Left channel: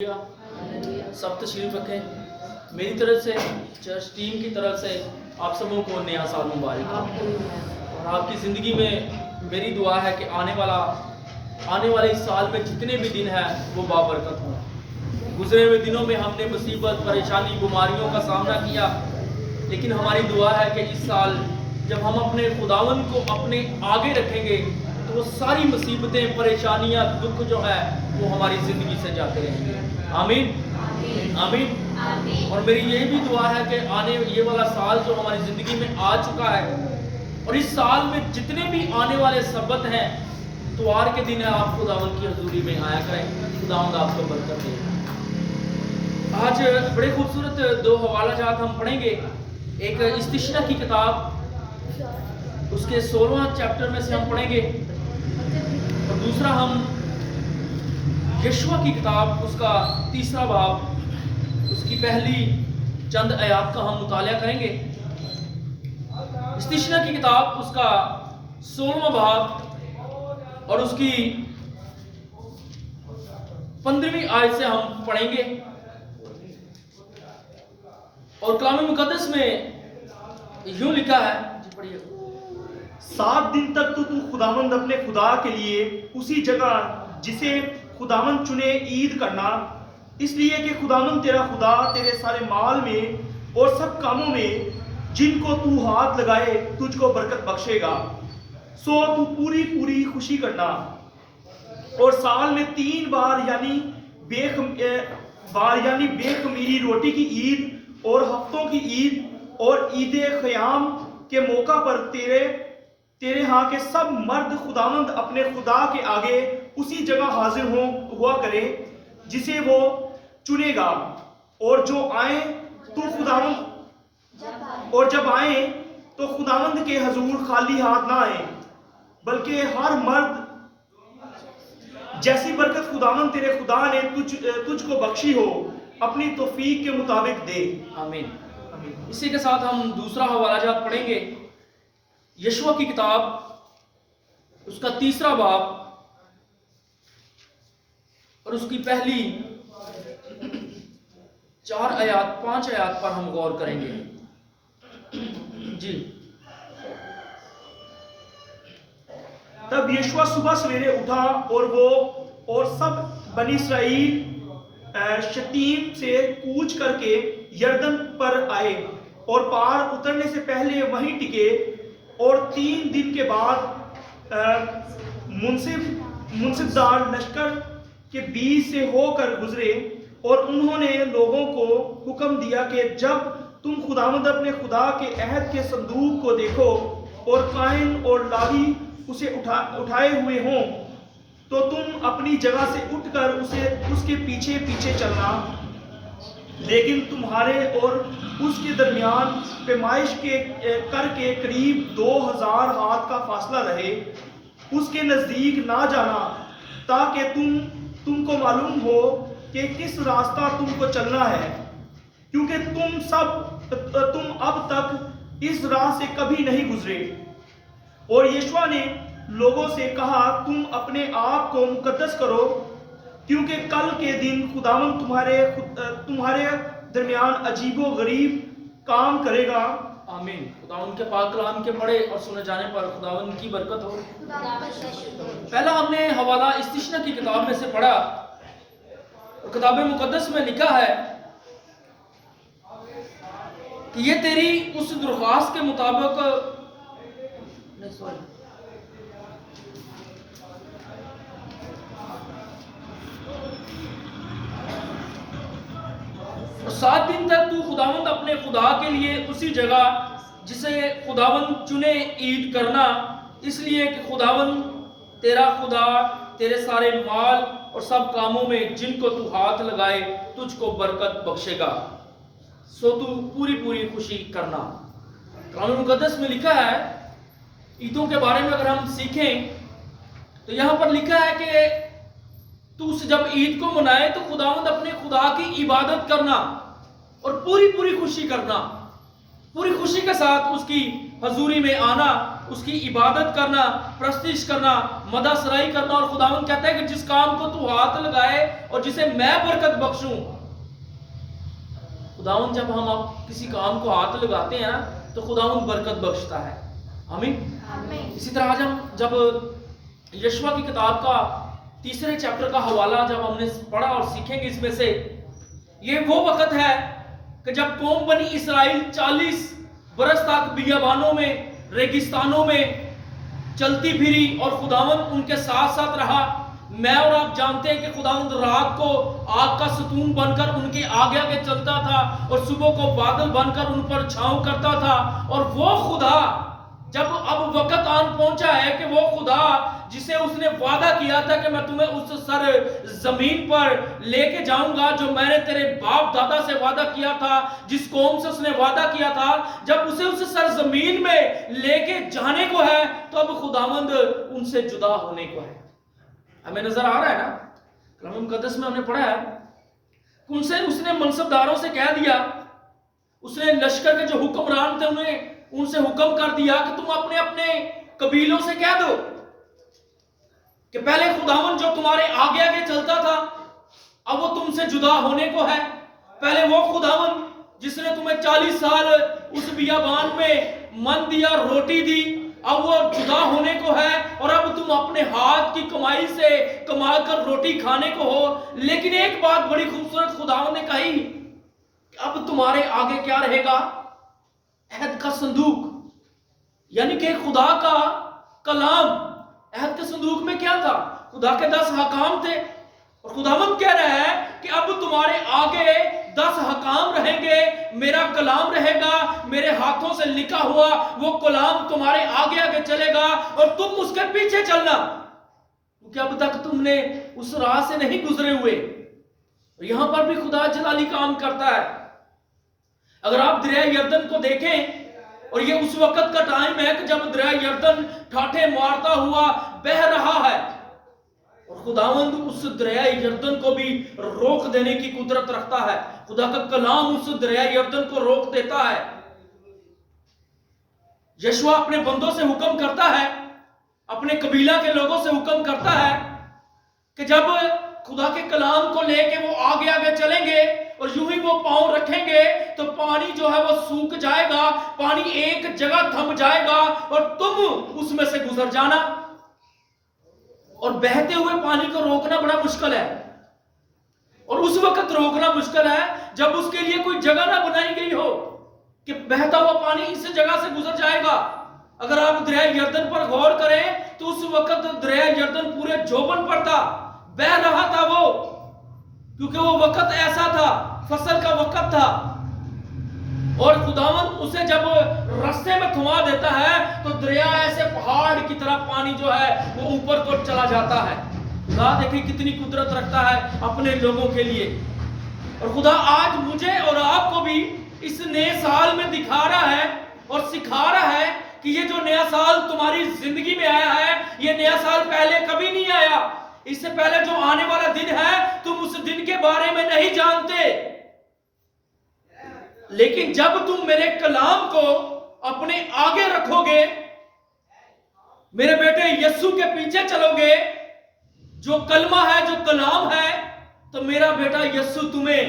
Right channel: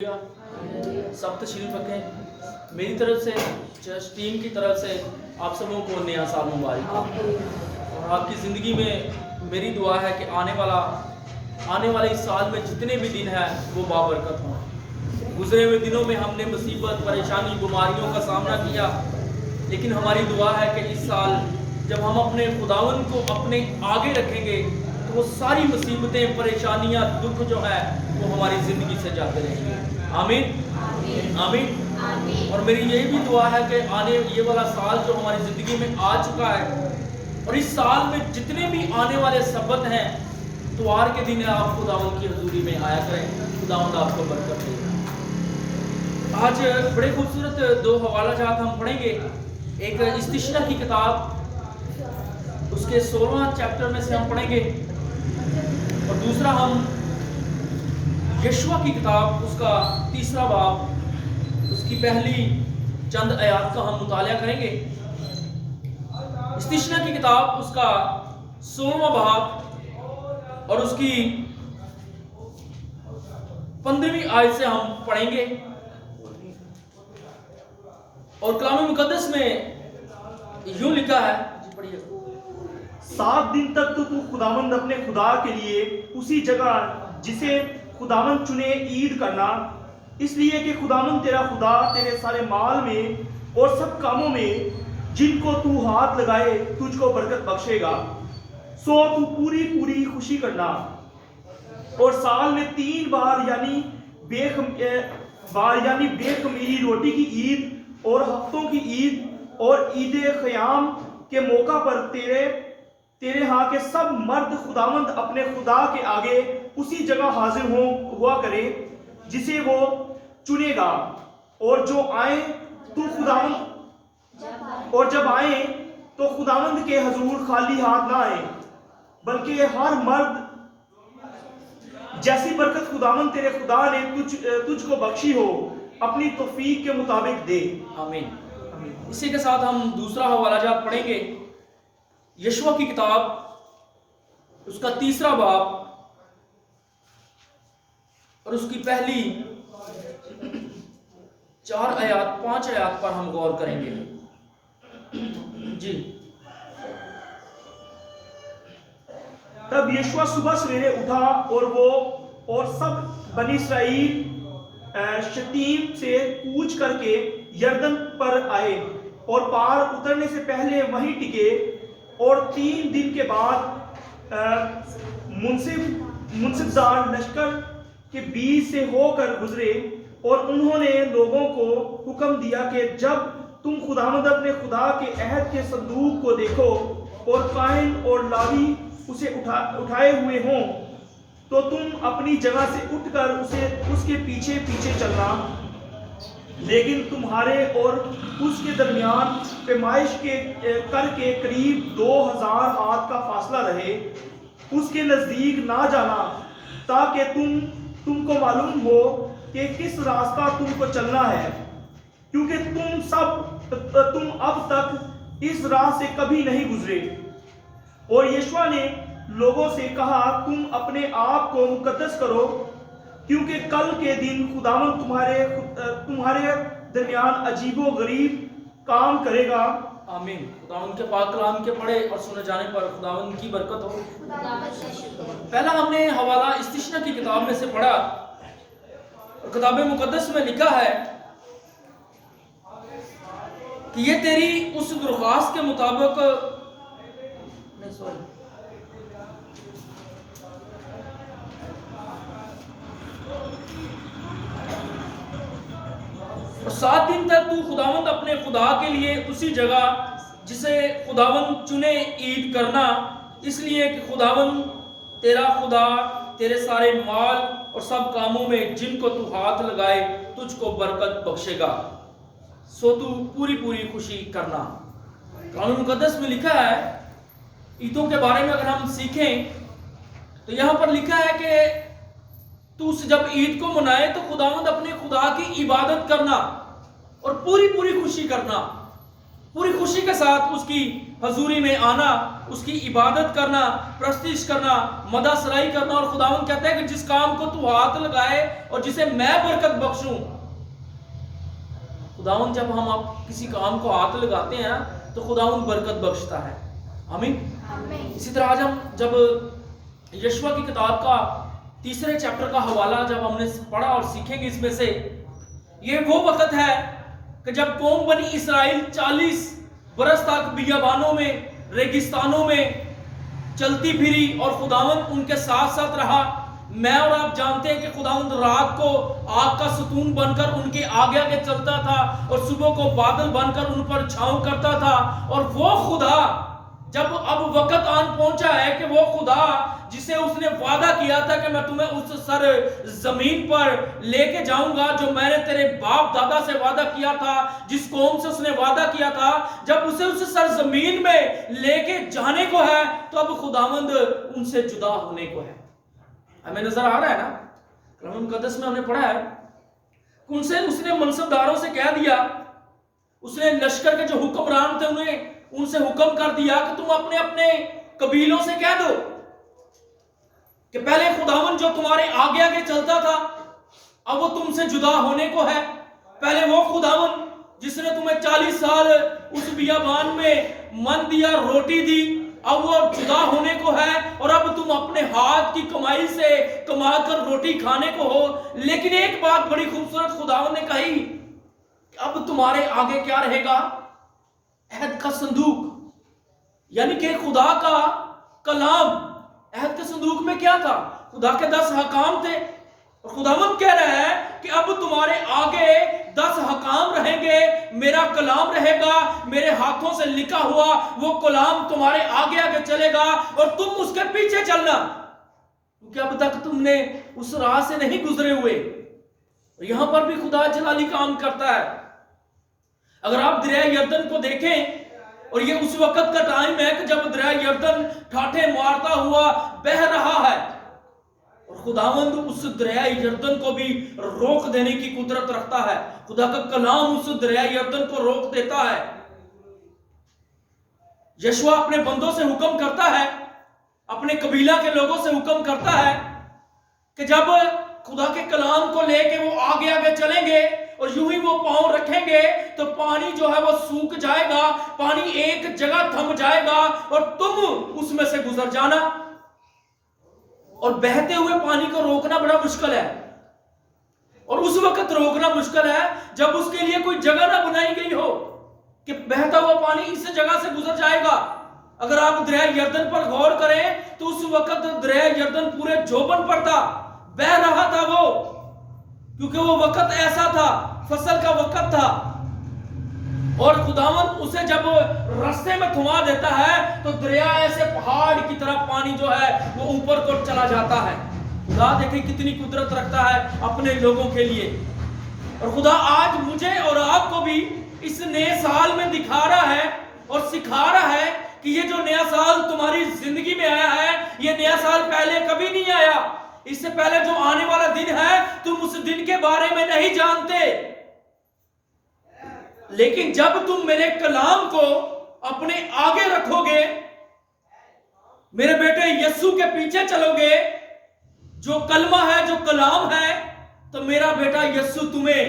سب تشریف رکھیں۔ میری طرف سے چرچ ٹیم کی طرف سے آپ سبوں کو نیا سال مبارک ہو، اور آپ کی زندگی میں میری دعا ہے کہ آنے والے اس سال میں جتنے بھی دن ہیں وہ بابرکت ہوں۔ گزرے ہوئے دنوں میں ہم نے مصیبت، پریشانی، بیماریوں کا سامنا کیا، لیکن ہماری دعا ہے کہ اس سال جب ہم اپنے خداوند کو اپنے آگے رکھیں گے تو وہ ساری مصیبتیں، پریشانیاں، دکھ جو ہے وہ ہماری زندگی سے جاتے رہیں گے۔ آمین آمین۔ اور میری یہ بھی دعا ہے کہ یہ والا سال جو ہماری زندگی میں آ چکا ہے، اور اس سال میں جتنے بھی آنے والے سبت ہیں، اتوار کے دن آپ خداوند کی حضوری میں آیا کریں۔ خداوند آپ کو برکت دے۔ آج بڑے خوبصورت دو حوالہ جات ہم پڑھیں گے۔ ایک استشنا کی کتاب، اس کے 16واں چیپٹر میں سے ہم پڑھیں گے، اور دوسرا ہم یشوع کی کتاب، اس کا 3 باب، اس کی پہلی چند آیات کا ہم مطالعہ کریں گے۔ استشنا کی کتاب، اس کا 16واں باب اور اس کی 15ویں آیت سے ہم پڑھیں گے، اور کلام مقدس میں یوں لکھا ہے، جی پڑھیے۔ 7 دن تک تو خداوند اپنے خدا کے لیے اسی جگہ جسے خداوند چنے عید کرنا، اس لیے کہ خداوند تیرا خدا تیرے سارے مال میں اور سب کاموں میں جن کو تو ہاتھ لگائے تجھ کو برکت بخشے گا، سو تو پوری خوشی کرنا، اور سال میں 3 بار یعنی بے خمیری روٹی کی عید اور ہفتوں کی عید اور عید خیام کے موقع پر تیرے ہاں کے سب مرد خداوند اپنے خدا کے آگے اسی جگہ حاضر ہوا کرے جسے وہ چنے گا، اور جب آئیں تو خداوند کے حضور خالی ہاتھ نہ آئیں، بلکہ ہر مرد جیسی برکت خداوند تیرے خدا نے تجھ کو بخشی ہو اپنی توفیق کے مطابق دے۔ آمین۔ اسی کے ساتھ ہم دوسرا حوالہ جات پڑھیں گے۔ یشوع کی کتاب، اس کا 3 باب اور اس کی پہلی 5 آیات پر ہم غور کریں گے۔ جی۔ تب یشوع صبح سویرے اٹھا اور سب بنی اسرائیل شتیم سے کوچ کر کے یردن پر آئے اور پار اترنے سے پہلے وہیں ٹکے، اور 3 دن کے بعد منصف دار لشکر کے بیچ سے ہو کر گزرے، اور انہوں نے لوگوں کو حکم دیا کہ جب تم خداوند اپنے خدا کے عہد کے صندوق کو دیکھو اور کاہن اور لاوی اسے اٹھائے ہوئے ہوں تو تم اپنی جگہ سے اٹھ کر اس کے پیچھے چلنا، لیکن تمہارے اور اس کے درمیان پیمائش کر کے قریب 2000 ہاتھ کا فاصلہ رہے، اس کے نزدیک نہ جانا، تاکہ تم کو معلوم ہو کہ کس راستہ تم کو چلنا ہے، کیونکہ تم اب تک اس راہ سے کبھی نہیں گزرے۔ اور یشوع نے لوگوں سے کہا، تم اپنے آپ کو مقدس کرو، کیونکہ کل کے دن خداوند تمہارے درمیان عجیب و غریب کام کرے گا۔ آمین۔ خداوند کے پاک کلام کے پڑھے اور سنے جانے پر خداوند کی برکت ہو۔ پہلا ہم نے حوالہ استشنا کی کتاب میں سے پڑھا، اور کتاب مقدس میں لکھا ہے کہ یہ تیری اس درخواست کے مطابق اور 7 دن تک تو خداوند اپنے خدا کے لیے اسی جگہ جسے خداوند چنے عید کرنا، اس لیے کہ خداوند تیرا خدا تیرے سارے مال اور سب کاموں میں جن کو تو ہاتھ لگائے تجھ کو برکت بخشے گا، سو تو پوری خوشی کرنا۔ کلام مقدس میں لکھا ہے، عیدوں کے بارے میں اگر ہم سیکھیں تو یہاں پر لکھا ہے کہ تو جب عید کو منائے تو خداوند اپنے خدا کی عبادت کرنا اور پوری خوشی کرنا، پوری خوشی کے ساتھ اس کی حضوری میں آنا، اس کی عبادت کرنا، پرستش کرنا، مدح سرائی کرنا. اور خداوند کہتا ہے کہ جس کام کو تو ہاتھ لگائے اور جسے میں برکت بخشوں. خداوند جب ہم کسی کام کو ہاتھ لگاتے ہیں تو خداوند برکت بخشتا ہے. آمین. اسی طرح آج ہم جب یشوع کی کتاب کا 3 چیپٹر کا حوالہ جب ہم نے پڑھا اور سیکھیں گے اس میں سے، یہ وہ وقت ہے کہ جب قوم بنی اسرائیل 40 برس تک بیابانوں میں، ریگستانوں میں چلتی پھری اور خداوند ان کے ساتھ ساتھ رہا. میں اور آپ جانتے ہیں کہ خداوند رات کو آگ کا ستون بن کر ان کے آگے آگے چلتا تھا اور صبح کو بادل بن کر ان پر چھاؤں کرتا تھا. اور وہ خدا جب اب وقت آن پہنچا ہے کہ وہ خدا جسے اس نے وعدہ کیا تھا کہ میں تمہیں اس سر زمین پر لے کے جاؤں گا جو میں نے تیرے باپ دادا سے وعدہ کیا تھا، جس قوم سے اس نے وعدہ کیا تھا، جب اسے اس سر زمین میں لے کے جانے کو ہے تو اب خداوند ان سے جدا ہونے کو ہے. ہمیں نظر آ رہا ہے نا، کلام مقدس میں ہم نے پڑھا ہے ان سے اس نے منصب داروں سے کہہ دیا، اس نے لشکر کے جو حکمران تھے انہیں ان سے حکم کر دیا کہ تم اپنے اپنے قبیلوں سے کہہ دو کہ پہلے خداوند جو تمہارے آگے آگے چلتا تھا اب وہ تم سے جدا ہونے کو ہے. پہلے وہ خداوند جس نے تمہیں 40 سال اس بیابان میں من دیا، روٹی دی، اب وہ جدا ہونے کو ہے اور اب تم اپنے ہاتھ کی کمائی سے کما کر روٹی کھانے کو ہو. لیکن ایک بات بڑی خوبصورت خداوند نے کہی کہ اب تمہارے آگے کیا رہے گا؟ عہد کا صندوق، یعنی کہ خدا کا کلام. عہد کے صندوق میں کیا تھا؟ خدا کے 10 حکام تھے اور خداوند کہہ رہا ہے کہ اب تمہارے آگے 10 حکام رہیں گے، میرا کلام رہے گا، میرے ہاتھوں سے لکھا ہوا وہ کلام تمہارے آگے آگے چلے گا اور تم اس کے پیچھے چلنا، کیونکہ اب تک تم نے اس راہ سے نہیں گزرے ہوئے. یہاں پر بھی خدا جلالی کام کرتا ہے. اگر آپ دریا یردن کو دیکھیں، اور یہ اس وقت کا ٹائم ہے کہ جب دریا یردن ٹھاٹھے مارتا ہوا بہہ رہا ہے اور خداوند اس دریا یردن کو بھی روک دینے کی قدرت رکھتا ہے. خدا کا کلام اس دریا یردن کو روک دیتا ہے. یشوع اپنے بندوں سے حکم کرتا ہے، اپنے قبیلہ کے لوگوں سے حکم کرتا ہے کہ جب خدا کے کلام کو لے کے وہ آگے آگے چلیں گے اور یوں ہی وہ پاؤں رکھیں گے تو پانی جو ہے وہ سوکھ جائے گا، پانی ایک جگہ تھم جائے گا اور تم اس میں سے گزر جانا. اور بہتے ہوئے پانی کو روکنا بڑا مشکل ہے، اور اس وقت روکنا مشکل ہے جب اس کے لیے کوئی جگہ نہ بنائی گئی ہو کہ بہتا ہوا پانی اس جگہ سے گزر جائے گا. اگر آپ دریا یردن پر غور کریں تو اس وقت دریا یردن پورے جوبن پر تھا، بہ رہا تھا وہ، کیونکہ وہ وقت ایسا تھا، فصل کا وقت تھا. اور خداوند اسے جب رستے میں تھما دیتا ہے تو دریا ایسے پہاڑ کی طرح پانی جو ہے وہ اوپر کو چلا جاتا ہے. خدا دیکھیں کتنی قدرت رکھتا ہے اپنے لوگوں کے لیے. اور خدا آج مجھے اور آپ کو بھی اس نئے سال میں دکھا رہا ہے اور سکھا رہا ہے کہ یہ جو نیا سال تمہاری زندگی میں آیا ہے، یہ نیا سال پہلے کبھی نہیں آیا. اس سے پہلے جو آنے والا دن ہے تم اس دن کے بارے میں نہیں جانتے، لیکن جب تم میرے کلام کو اپنے آگے رکھو گے، میرے بیٹے یسوع کے پیچھے چلو گے، جو کلمہ ہے، جو کلام ہے، تو میرا بیٹا یسوع تمہیں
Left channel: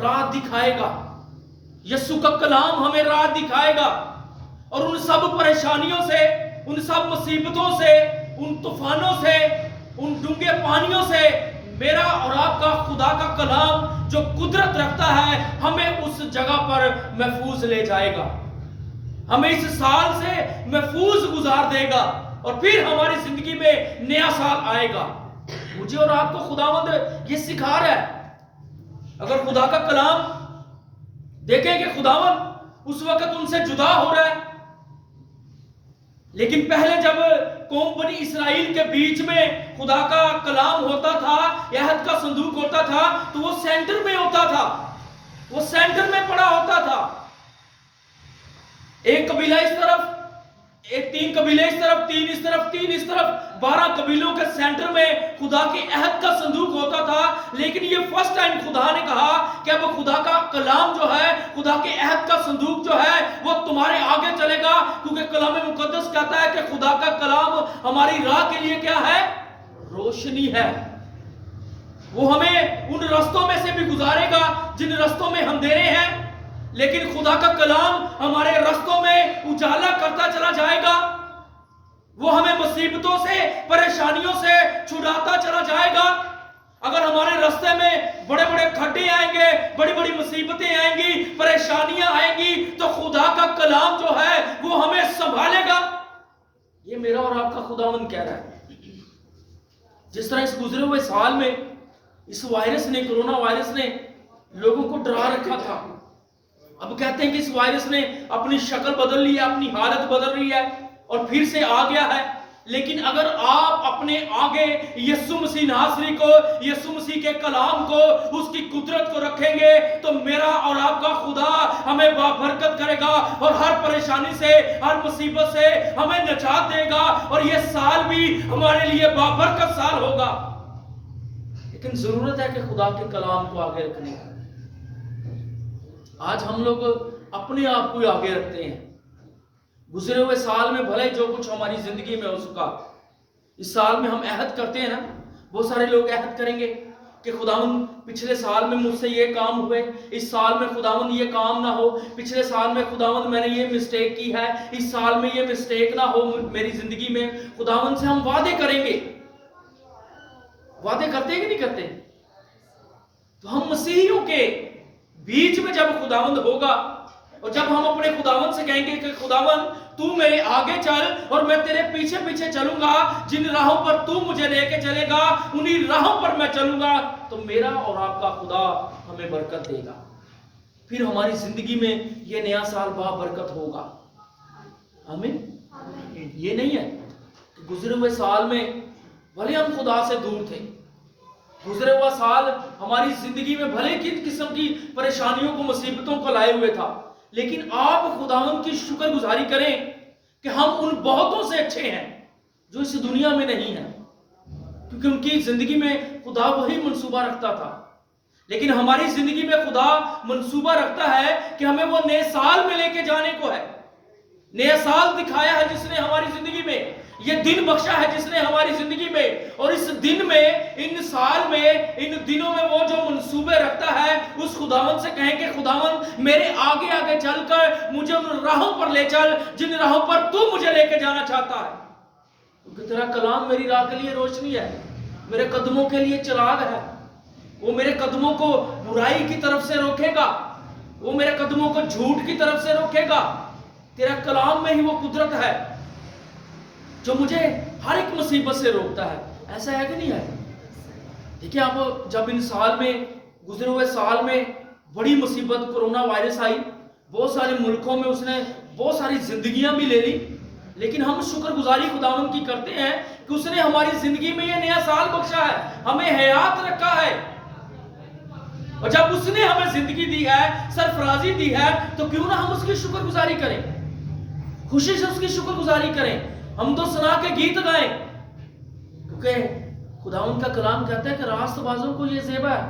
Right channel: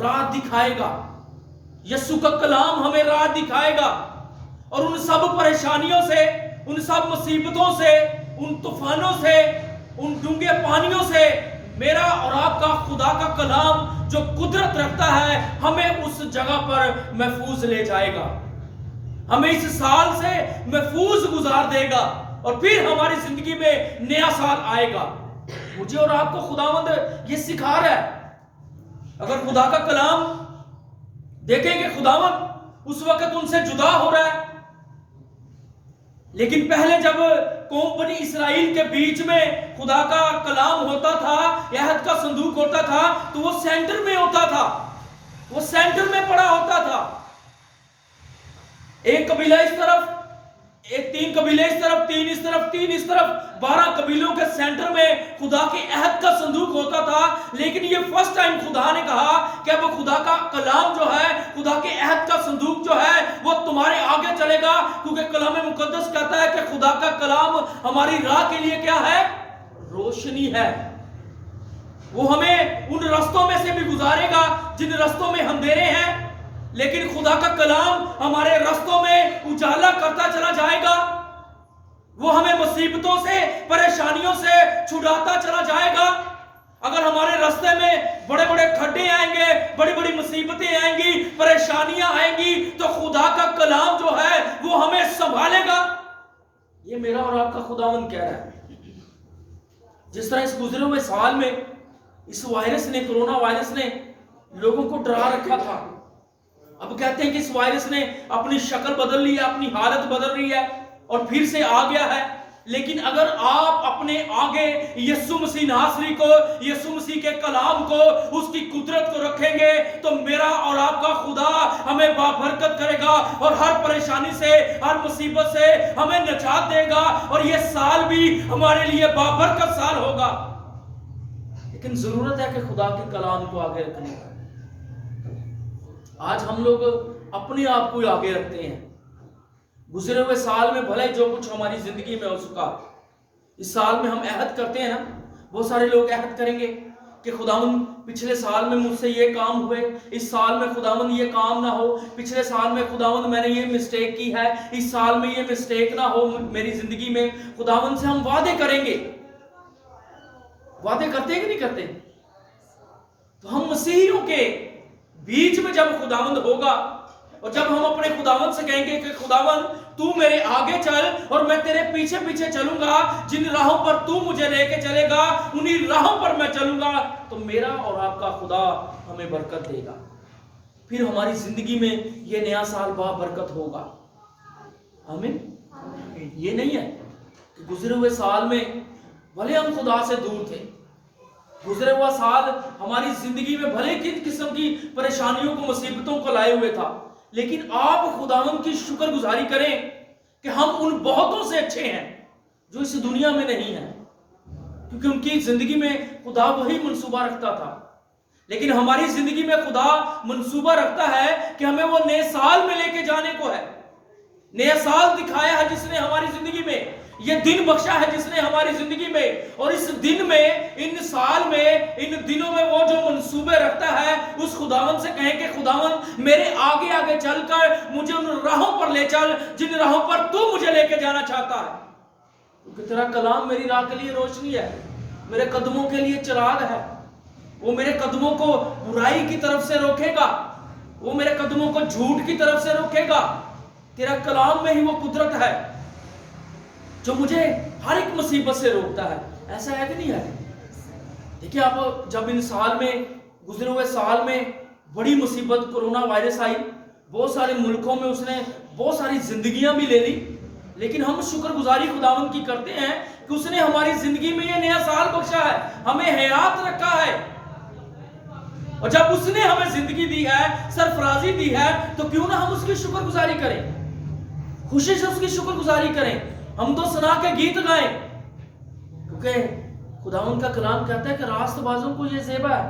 راہ دکھائے گا. یسوع کا کلام ہمیں راہ دکھائے گا اور ان سب پریشانیوں سے، ان سب مصیبتوں سے، ان طوفانوں سے، ان ڈونگے پانیوں سے میرا اور آپ کا خدا کا کلام جو قدرت رکھتا ہے ہمیں اس جگہ پر محفوظ لے جائے گا، ہمیں اس سال سے محفوظ گزار دے گا اور پھر ہماری زندگی میں نیا سال آئے گا. مجھے اور آپ کو خداوند یہ سکھا رہا ہے. اگر خدا کا کلام دیکھیں کہ خداوند اس وقت ان سے جدا ہو رہا ہے، لیکن پہلے جب قوم بنی اسرائیل کے بیچ میں خدا کا کلام ہوتا تھا، عہد کا صندوق ہوتا تھا، تو وہ سینٹر میں ہوتا تھا، وہ سینٹر میں پڑا ہوتا تھا. ایک قبیلہ اس طرف، ایک 3 قبیلے اس طرف، 3 اس طرف، 3 اس طرف، 12 قبیلوں کے سینٹر میں خدا کے عہد کا صندوق ہوتا تھا. لیکن یہ فرسٹ ٹائم خدا اللہ نے کہا کہ اب خدا کا کلام جو ہے، خدا کے عہد کا صندوق جو ہے وہ تمہارے آگے چلے گا، کیونکہ کلام مقدس کہتا ہے کہ خدا کا کلام ہماری راہ کے لیے کیا ہے؟ روشنی ہے۔ وہ ہمیں ان رستوں میں سے بھی گزارے گا جن رستوں میں اندھیرے ہیں، لیکن خدا کا کلام ہمارے رستوں میں اجالا کرتا چلا جائے گا۔ وہ ہمیں مصیبتوں سے، پریشانیوں سے چھڑاتا چلا جائے گا۔ اگر ہمارے رستے میں بڑے بڑے کھڈے آئیں گے، بڑی بڑی مصیبتیں آئیں گی، پریشانیاں آئیں گی، تو خدا کا کلام جو ہے وہ ہمیں سنبھالے گا۔ یہ میرا اور آپ کا خداوند کہہ رہا ہے۔ جس طرح اس گزرے ہوئے سال میں اس وائرس نے، کرونا وائرس نے لوگوں کو ڈرا رکھا تھا، اب کہتے ہیں کہ اس وائرس نے اپنی شکل بدل لی ہے، اپنی حالت بدل رہی ہے اور پھر سے آ گیا ہے۔ لیکن اگر آپ اپنے آگے یسوع مسیح ناصری کو، یسوع مسیح کے کلام کو، اس کی قدرت کو رکھیں گے تو میرا اور آپ کا خدا ہمیں بابرکت کرے گا اور ہر پریشانی سے، ہر مصیبت سے ہمیں نجات دے گا، اور یہ سال بھی ہمارے لیے بابرکت سال ہوگا۔ لیکن ضرورت ہے کہ خدا کے کلام کو آگے رکھنے کا۔ آج ہم لوگ اپنے آپ کو آگے رکھتے ہیں۔ گزرے ہوئے سال میں بھلے جو کچھ ہماری زندگی میں ہو سکا، اس سال میں ہم عہد کرتے ہیں نا، بہت سارے لوگ عہد کریں گے کہ خداوند پچھلے سال میں مجھ سے یہ کام ہوئے، اس سال میں خداوند یہ کام نہ ہو، پچھلے سال میں خداوند میں نے یہ مسٹیک کی ہے، اس سال میں یہ مسٹیک نہ ہو میری زندگی میں۔ خداوند سے ہم وعدے کریں گے۔ وعدے کرتے ہیں کہ نہیں کرتے؟ تو ہم مسیحیوں کے بیچ میں جب خداوند ہوگا اور جب ہم اپنے خداوند سے کہیں گے کہ خداوند تو میرے آگے چل اور میں تیرے پیچھے پیچھے چلوں گا، جن راہوں پر تو مجھے لے کے چلے گا انہی راہوں پر میں چلوں گا، تو میرا اور آپ کا خدا ہمیں برکت دے گا۔ پھر ہماری زندگی میں یہ نیا سال برکت ہوگا۔ آمین۔ یہ نہیں ہے کہ گزرے ہوئے سال میں بھلے ہم خدا سے دور تھے، گزرے ہوا سال ہماری زندگی میں بھلے کن قسم کی پریشانیوں کو، مصیبتوں کو لائے ہوئے تھا، لیکن آپ خداوند کی شکر گزاری کریں کہ ہم ان بہتوں سے اچھے ہیں جو اس دنیا میں نہیں ہیں، کیونکہ ان کی زندگی میں خدا وہی منصوبہ رکھتا تھا۔ لیکن ہماری زندگی میں خدا منصوبہ رکھتا ہے کہ ہمیں وہ نئے سال میں لے کے جانے کو ہے۔ نیا سال دکھایا ہے جس نے ہماری زندگی میں، یہ دن بخشا ہے جس نے ہماری زندگی میں، اور اس دن میں، ان سال میں، ان دنوں میں وہ جو منصوبے رکھتا ہے، اس خداوند سے کہیں کہ خداوند میرے آگے آگے چل کر مجھے ان راہوں پر لے چل جن راہوں پر تو مجھے لے کے جانا چاہتا ہے، کیونکہ تیرا کلام میری راہ کے لیے روشنی ہے، میرے قدموں کے لیے چراغ ہے۔ وہ میرے قدموں کو برائی کی طرف سے روکے گا، وہ میرے قدموں کو جھوٹ کی طرف سے روکے گا۔ تیرا کلام میں ہی وہ قدرت ہے جو مجھے ہر ایک مصیبت سے روکتا ہے۔ ایسا ہے کہ نہیں ہے؟ دیکھیں آپ، جب ان سال میں، گزرے ہوئے سال میں بڑی مصیبت کرونا وائرس آئی، بہت سارے ملکوں میں اس نے بہت ساری زندگیاں بھی لے لی، لیکن ہم شکر گزاری خداوند کی کرتے ہیں کہ اس نے ہماری زندگی میں یہ نیا سال بخشا ہے، ہمیں حیات رکھا ہے، اور جب اس نے ہمیں زندگی دی ہے، سرفرازی دی ہے، تو کیوں نہ ہم اس کی شکر گزاری کریں، خوشی سے اس کی شکر گزاری کریں، ہم تو سنا کے گیت گائیں، کیونکہ خداوند کا کلام کہتا ہے کہ راست بازوں کو یہ زیبا ہے،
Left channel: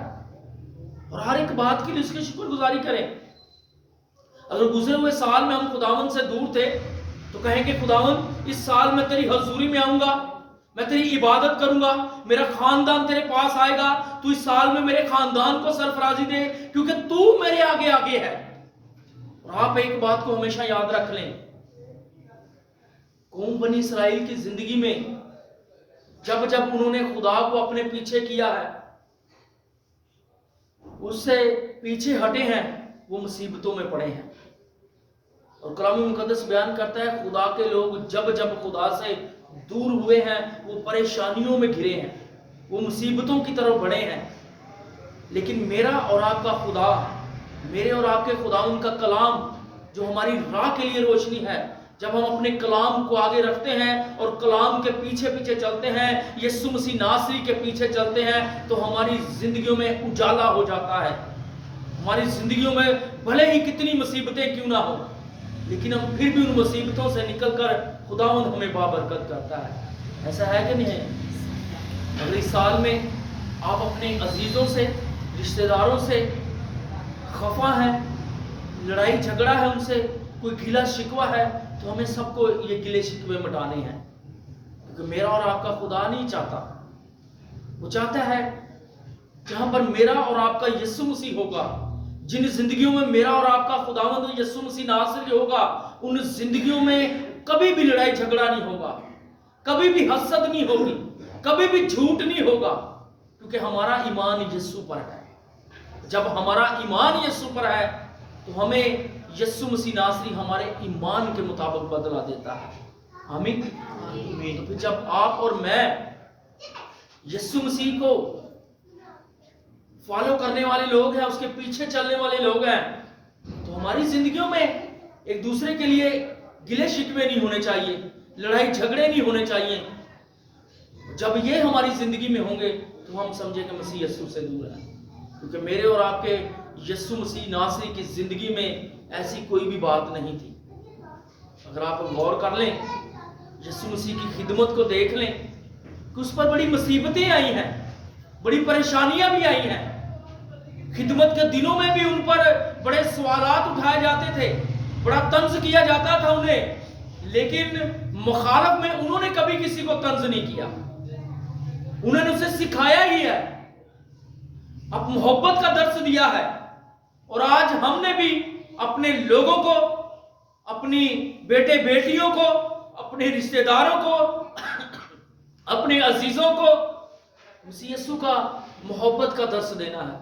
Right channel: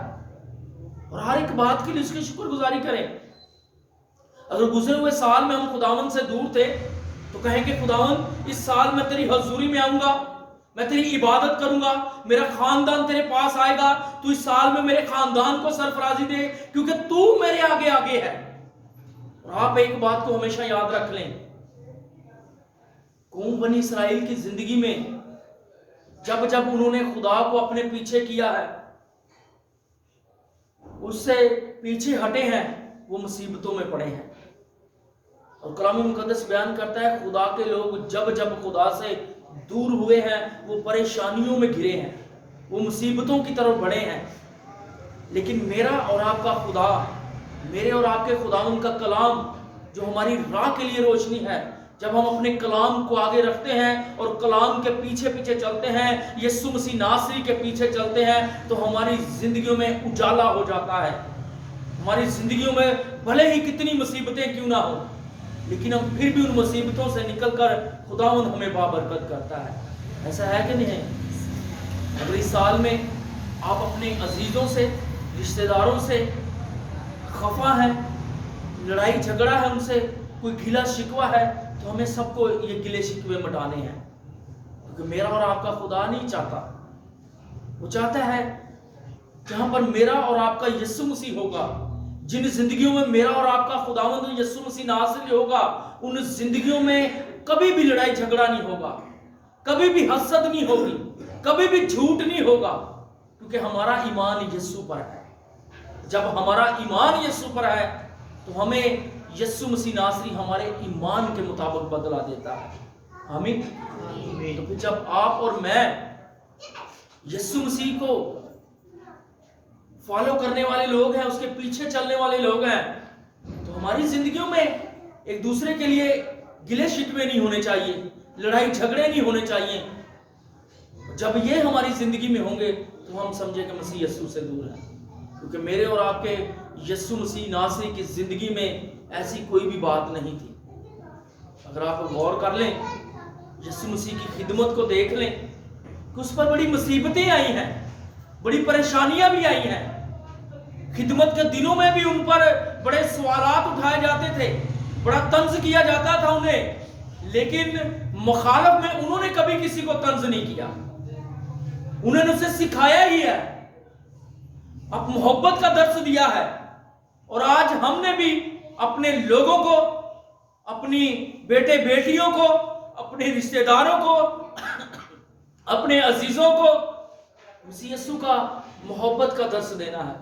اور ہر ایک بات کے لیے اس کی شکر گزاری کریں۔ اگر گزرے ہوئے سال میں ہم خداوند سے دور تھے تو کہیں کہ خداوند اس سال میں تیری حضوری میں آؤں گا، میں تیری عبادت کروں گا، میرا خاندان تیرے پاس آئے گا، تو اس سال میں میرے خاندان کو سرفرازی دے کیونکہ تو میرے آگے آگے ہے۔ اور آپ ایک بات کو ہمیشہ یاد رکھ لیں، قوم بنی اسرائیل کی زندگی میں جب جب انہوں نے خدا کو اپنے پیچھے کیا ہے، اس سے پیچھے ہٹے ہیں، وہ مصیبتوں میں پڑے ہیں۔ اور کلام مقدس بیان کرتا ہے خدا کے لوگ جب جب خدا سے دور ہوئے ہیں، وہ پریشانیوں میں گھرے ہیں، وہ مصیبتوں کی طرف بڑھے ہیں۔ لیکن میرا اور آپ کا خدا، میرے اور آپ کے خدا ان کا کلام جو ہماری راہ کے لیے روشنی ہے، جب ہم اپنے کلام کو آگے رکھتے ہیں اور کلام کے پیچھے پیچھے چلتے ہیں، یسوع مسیح ناصری کے پیچھے چلتے ہیں، تو ہماری زندگیوں میں اجالا ہو جاتا ہے۔ ہماری زندگیوں میں بھلے ہی کتنی مصیبتیں کیوں نہ ہوں، لیکن ہم پھر بھی ان مصیبتوں سے نکل کر خداوند ہمیں بابرکت کرتا ہے۔ ایسا ہے کہ نہیں ہے؟ اگر اس سال میں آپ اپنے عزیزوں سے، رشتہ داروں سے خفا ہیں, لڑائی جھگڑا ہے ان سے, کوئی گلا شکوہ ہے, تو ہمیں سب کو یہ گلے شکوے مٹانے ہیں, کیونکہ میرا اور آپ کا خدا نہیں چاہتا. وہ چاہتا ہے جہاں پر میرا اور آپ کا یسوع مسیح ہوگا, جن زندگیوں میں میرا اور آپ کا خداوند یسوع مسیح ناصر ہوگا, ان زندگیوں میں کبھی بھی لڑائی جھگڑا نہیں ہوگا, کبھی بھی حسد نہیں ہوگی, کبھی بھی جھوٹ نہیں ہوگا, کیونکہ ہمارا ایمان یسوع پر ہے. جب ہمارا ایمان یسوع پر ہے تو ہمیں یسوع مسیح ناصری ہمارے ایمان کے مطابق بدلا دیتا ہے. آمین. تو پھر جب آپ اور میں یسوع مسیح کو فالو کرنے والے لوگ ہیں, اس کے پیچھے چلنے والے لوگ ہیں, تو ہماری زندگیوں میں ایک دوسرے کے لیے گلے شکوے نہیں ہونے چاہیے, لڑائی جھگڑے نہیں ہونے چاہیے. جب یہ ہماری زندگی میں ہوں گے تو ہم سمجھے کہ مسیح یسوع سے دور ہے, کیونکہ میرے اور آپ کے یسوع مسیح ناصری کی زندگی میں ایسی کوئی بھی بات نہیں تھی. اگر آپ غور کر لیں, یسوع مسیح کی خدمت کو دیکھ لیں کہ اس پر بڑی مصیبتیں آئی ہیں, بڑی پریشانیاں بھی آئی ہیں. خدمت کے دنوں میں بھی ان پر بڑے سوالات اٹھائے جاتے تھے, بڑا طنز کیا جاتا تھا انہیں, لیکن مخالف میں انہوں نے کبھی کسی کو طنز نہیں کیا. انہوں نے اسے سکھایا ہی ہے, اب محبت کا درس دیا ہے. اور آج ہم نے بھی اپنے لوگوں کو, اپنی بیٹے بیٹیوں کو, اپنے رشتہ داروں کو, اپنے عزیزوں کو مسیح یسوع کا محبت کا درس دینا ہے,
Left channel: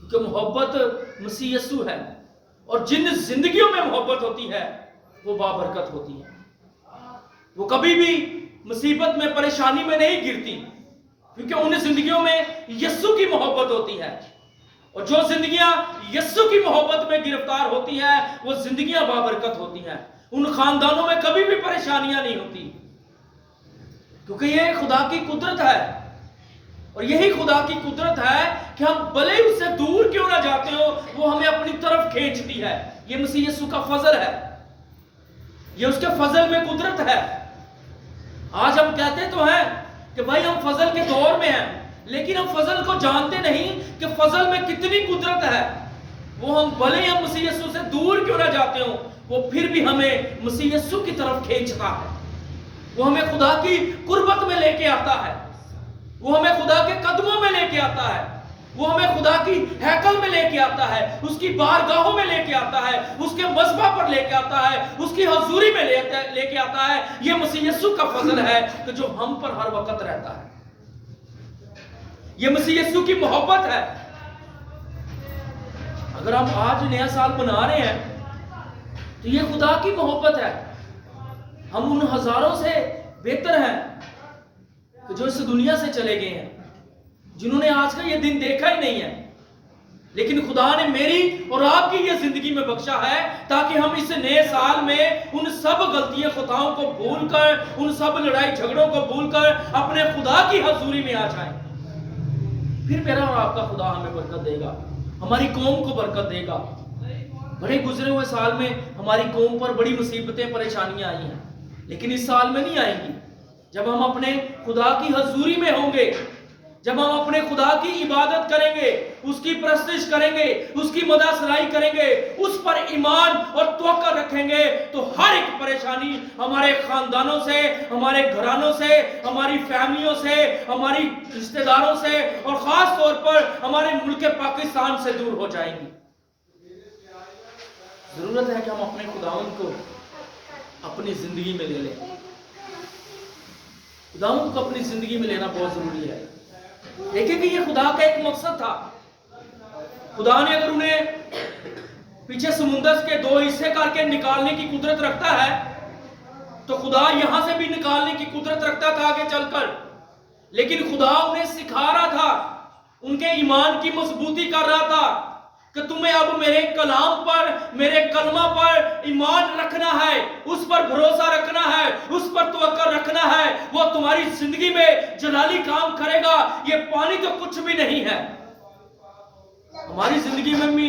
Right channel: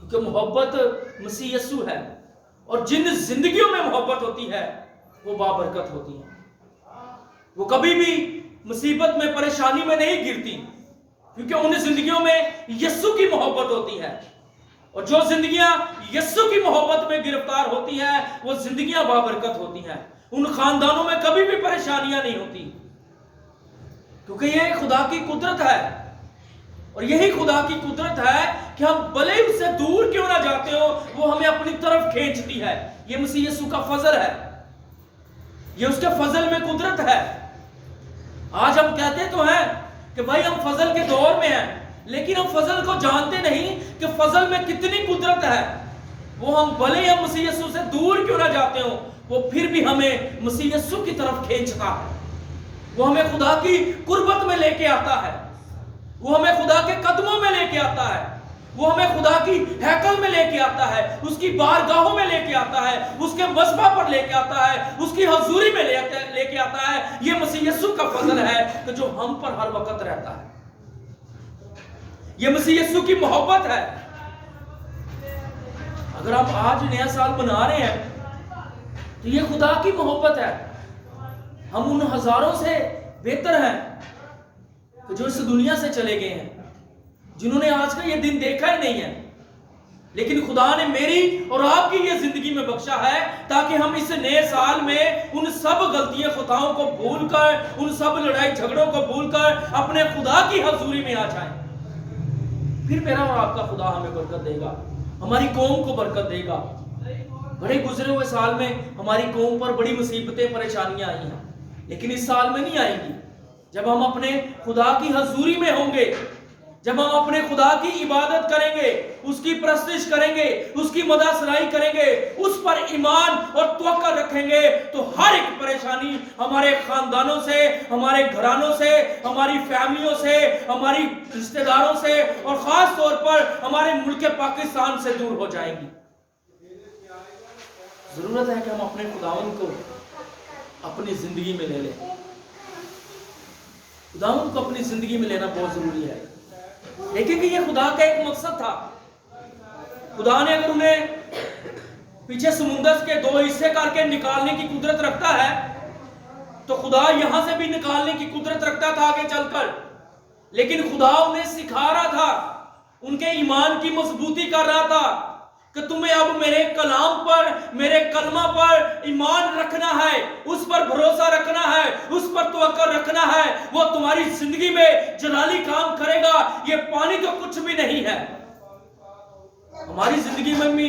کیونکہ محبت مسیح یسوع ہے. اور جن زندگیوں میں محبت ہوتی ہے وہ بابرکت ہوتی ہے, وہ کبھی بھی مصیبت میں پریشانی میں نہیں گرتی, کیونکہ ان زندگیوں میں یسوع کی محبت ہوتی ہے. اور جو زندگیاں یسوع کی محبت میں گرفتار ہوتی ہیں وہ زندگیاں بابرکت ہوتی ہیں. ان خاندانوں میں کبھی بھی پریشانیاں نہیں ہوتی, کیونکہ یہ خدا کی قدرت ہے. اور یہی خدا کی قدرت ہے کہ ہم بھلے اس سے دور کیوں نہ جاتے ہو, وہ ہمیں اپنی طرف کھینچتی ہے. یہ مسیح یسوع کا فضل ہے, یہ اس کے فضل میں قدرت ہے. آج ہم کہتے تو ہیں کہ بھائی ہم فضل کے دور میں ہیں, لیکن ہم فضل کو جانتے نہیں کہ فضل میں کتنی قدرت ہے. وہ ہم بھلے ہی ہم مسیح یسوع سے دور کیوں نہ جاتے ہوں, وہ پھر بھی ہمیں مسیح یسوع کی طرف کھینچتا ہے. وہ ہمیں خدا کی قربت میں لے کے آتا ہے, وہ ہمیں خدا کے قدموں میں لے کے آتا ہے, وہ ہمیں خدا کی ہیکل میں لے کے آتا ہے, اس کی بارگاہوں میں لے کے آتا ہے, اس کے مذبح پر لے کے آتا ہے, اس کی حضوری میں لے کے آتا ہے. یہ مسیح یسوع کا فضل ہے کہ جو ہم پر ہر وقت رہتا ہے. یہ مسیح یسوع کی محبت ہے. اگر ہم آج نیا سال منا رہے ہیں تو یہ خدا کی محبت ہے. ہم ان ہزاروں سے بہتر ہیں کہ جو اس دنیا سے چلے گئے ہیں, جنہوں نے آج کا یہ دن دیکھا ہی نہیں ہے, لیکن خدا نے میری اور آپ کی یہ زندگی میں بخشا ہے تاکہ ہم اس نئے سال میں ان سب غلطیاں خطاؤں کو بھول کر, ان سب لڑائی جھگڑوں کو بھول کر اپنے خدا کی حضوری میں آ جائیں. پھر میرا اور آپ کا خدا ہمیں برکت دے گا, ہماری قوم کو برکت دے گا. بڑے گزرے ہوئے سال میں ہماری قوم پر بڑی مصیبتیں پریشانیاں آئی ہیں, لیکن اس سال میں نہیں آئیں گی. جب ہم اپنے خدا کی حضوری میں ہوں گے, جب ہم اپنے خدا کی عبادت کریں گے, اس کی پرستش کریں گے, اس کی مدح سرائی کریں گے, اس پر ایمان اور توکل رکھیں گے, تو ہر ایک پریشانی ہمارے خاندانوں سے, ہمارے گھرانوں سے, ہماری فیملیوں سے, ہماری رشتہ داروں سے, اور خاص طور پر ہمارے ملک پاکستان سے دور ہو جائیں گی. ضرورت ہے کہ ہم اپنے خداوند کو اپنی زندگی میں لے لیں. خداوند کو اپنی زندگی میں لینا بہت ضروری ہے. دیکھیں کہ یہ خدا کا ایک مقصد تھا. خدا نے اگر انہیں پیچھے سمندر کے 2 حصے کر کے نکالنے کی قدرت رکھتا ہے تو خدا یہاں سے بھی نکالنے کی قدرت رکھتا تھا آگے چل کر. لیکن خدا انہیں سکھا رہا تھا, ان کے ایمان کی مضبوطی کر رہا تھا کہ تمہیں اب میرے کلام پر, میرے کلمہ پر ایمان رکھنا ہے, اس پر بھروسہ رکھنا ہے, اس پر توکل رکھنا ہے. وہ تمہاری زندگی میں جلالی کام کرے گا. یہ پانی تو کچھ بھی نہیں ہے. ہماری زندگی میں بھی